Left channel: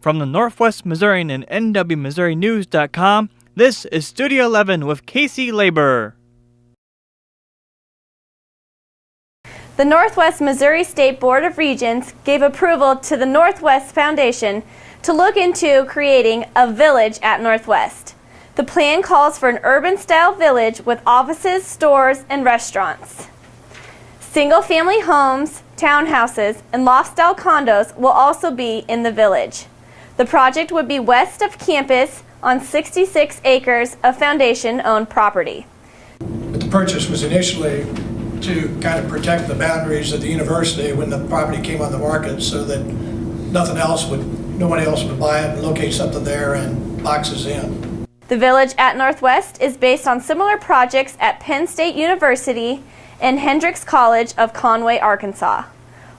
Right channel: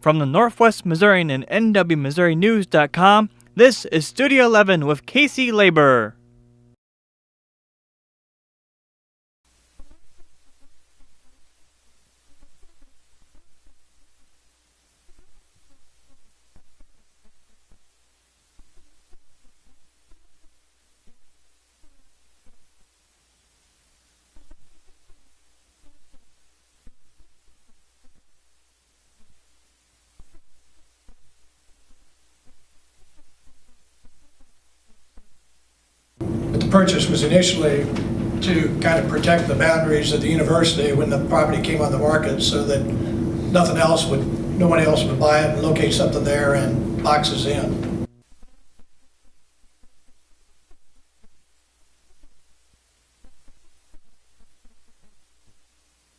From the Northwest Missourian and NWMissouriNews.com, this is Studio 11 with Casey Labor. The Northwest Missouri State Board of Regents gave approval to the Northwest Foundation to look into creating a village at Northwest. The plan calls for an urban-style village with offices, stores, and restaurants. Single-family homes, townhouses, and loft-style condos will also be in the village. The project would be west of campus on 66 acres of Foundation-owned property. But the purchase was initially to kind of protect the boundaries of the university when the property came on the market, so that nobody else would buy it and locate something there and boxes in. The village at Northwest is based on similar projects at Penn State University and Hendrix College of Conway, Arkansas.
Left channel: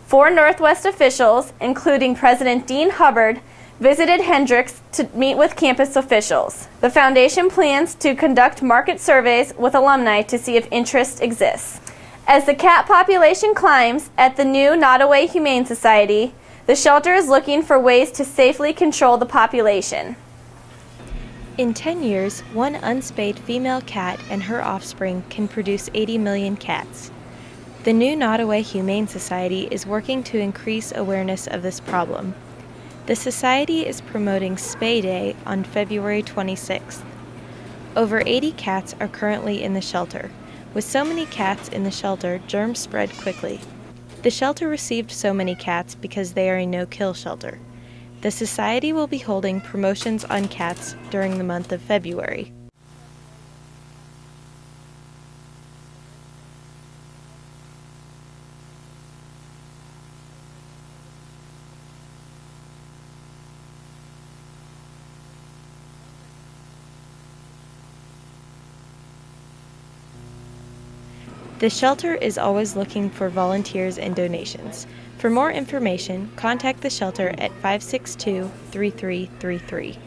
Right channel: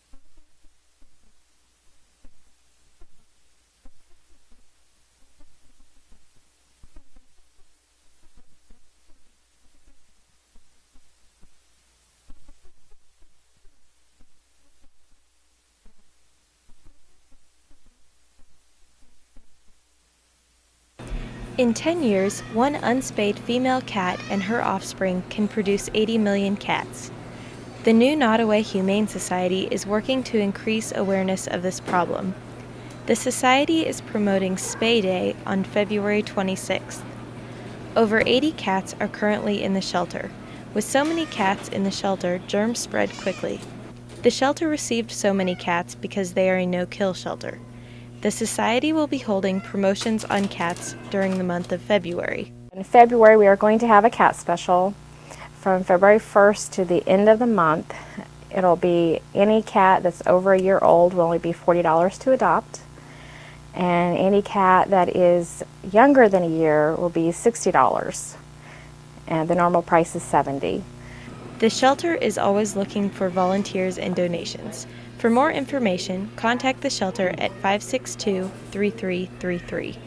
4 Northwest officials, including President Dean Hubbard, visited Hendrix to meet with campus officials. The foundation plans to conduct market surveys with alumni to see if interest exists. As the cat population climbs at the new Nottoway Humane Society, the shelter is looking for ways to safely control the population. In 10 years, one unspayed female cat and her offspring can produce 80 million cats. The new Nottoway Humane Society is working to increase awareness of this problem. The society is promoting Spay Day on February 26th. Over 80 cats are currently in the shelter. With so many cats in the shelter, germs spread quickly. The shelter received so many cats because they are a no-kill shelter. The society will be holding promotions on cats during the month of February. In February, we are going to have a cat special from February 1st to the end of the month. It'll be any cat that's over a year old will only be $40 to adopt, and any cat that is younger than a year will be $60, and the normal price is $70. The shelter is always looking for volunteers and donations. For more information, contact the shelter at 562-3333.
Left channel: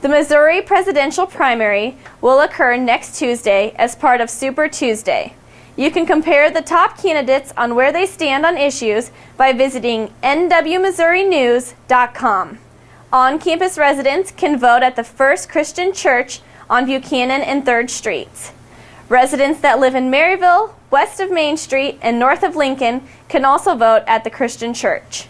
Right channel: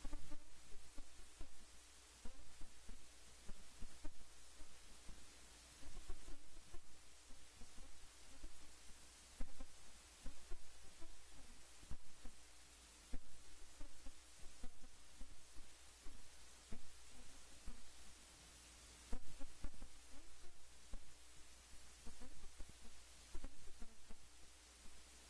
The Missouri presidential primary will occur next Tuesday as part of Super Tuesday. You can compare the top candidates on where they stand on issues by visiting NWMissouriNews.com. On-campus residents can vote at the First Christian Church on Buchanan and 3rd Streets. Residents that live in Maryville, west of Main Street, and north of Lincoln can also vote at the Christian Church.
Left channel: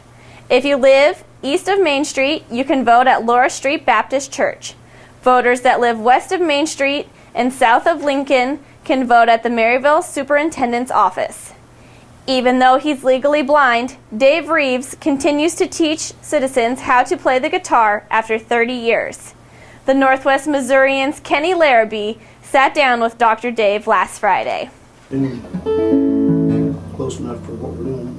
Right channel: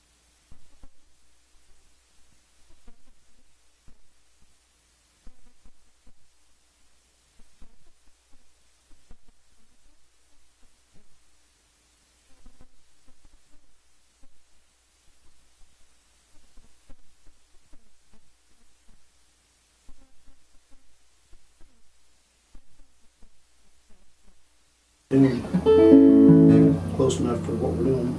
If you live east of Main Street, you can vote at Laura Street Baptist Church. Voters that live west of Main Street and south of Lincoln can vote at the Maryville Superintendent's office. Even though he's legally blind, Dave Reeves continues to teach citizens how to play the guitar after 30 years. The Northwest Missourian's Kenny Larrabee sat down with Dr. Dave last Friday. Close enough for what we're doing.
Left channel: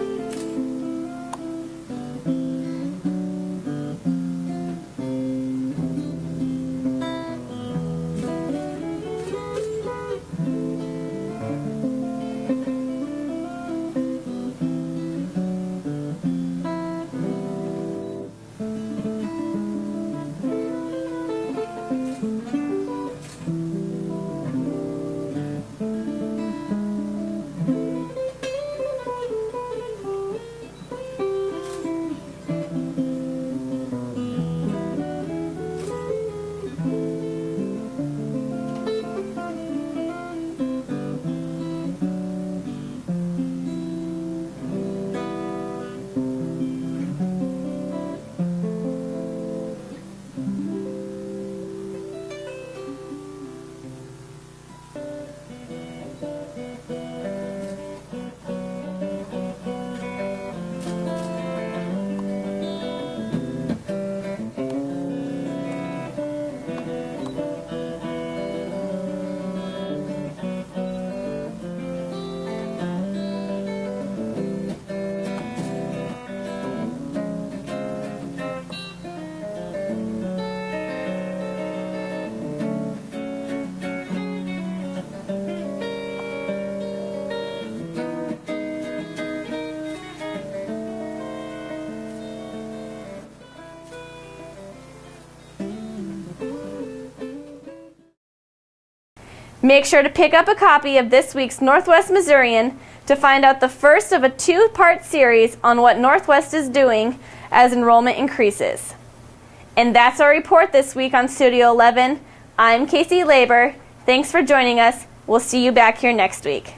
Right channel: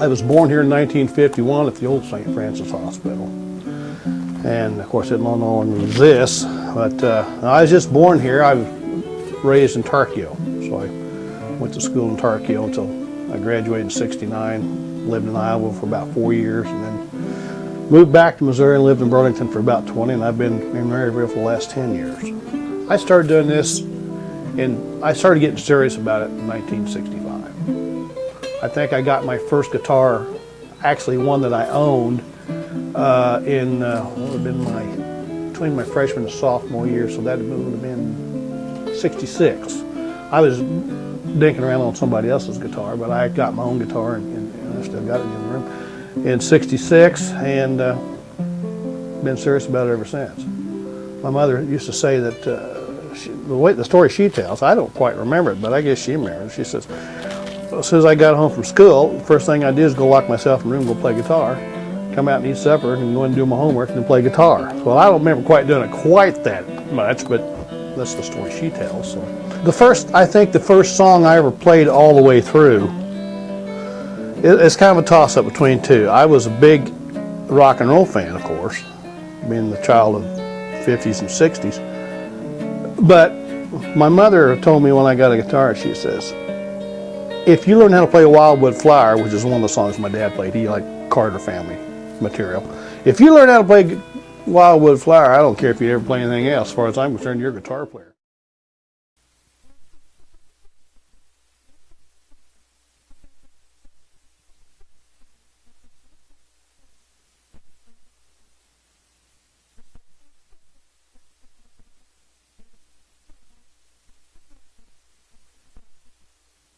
I was born here in 1951 at the old St. Francis Hospital. And of course, I don't know when it was this, but I was just born here. I was raised in Tarkio, so I went to school in Tarkio until I graduated in '69, lived in Iowa for about 4 years, and then moved back to Missouri and lived in Burlington for about 20, and I've been in Maryville for the last 10 years. I started doing this, and I started getting serious about it in 1965. I think I got my first guitar, actually one that I owned, between my freshman and sophomore year, so that would have been '66. I was dinking around on somebody else's guitar, but I got my own guitar and I still got it in '66, and been serious about it ever since. My mother used to say that the story she tells, I don't quite remember it, but I guess she remembers. She says, as soon as I got home from school, the first thing I did is go lock myself in the room, go play guitar, come out and eat supper, and go and do my homework and then play guitar. Well, I don't remember quite doing it quite that much, but that's the story she tells. So. I think the first song I ever played all the way through, it's kind of a toss-up between two. I was a big rock and roll fan, of course, being the child of the 50s and 60s. But my mother told me when I got a guitar, she says, if you learn how to play Wildwood Flower, which is one of the songs my dad played, he liked Carter family material. If you learn how to play Wildwood Flower, I don't care if you ever play anything else. As far as I'm concerned, you're a guitar player. Make sure to pick up a copy of this week's Northwest Missourian to find out the first of a two-part series on what Northwest is doing as enrollment increases. And that's our report this week on Studio 11. I'm Casey Labor. Thanks for joining us. We'll see you back here next week.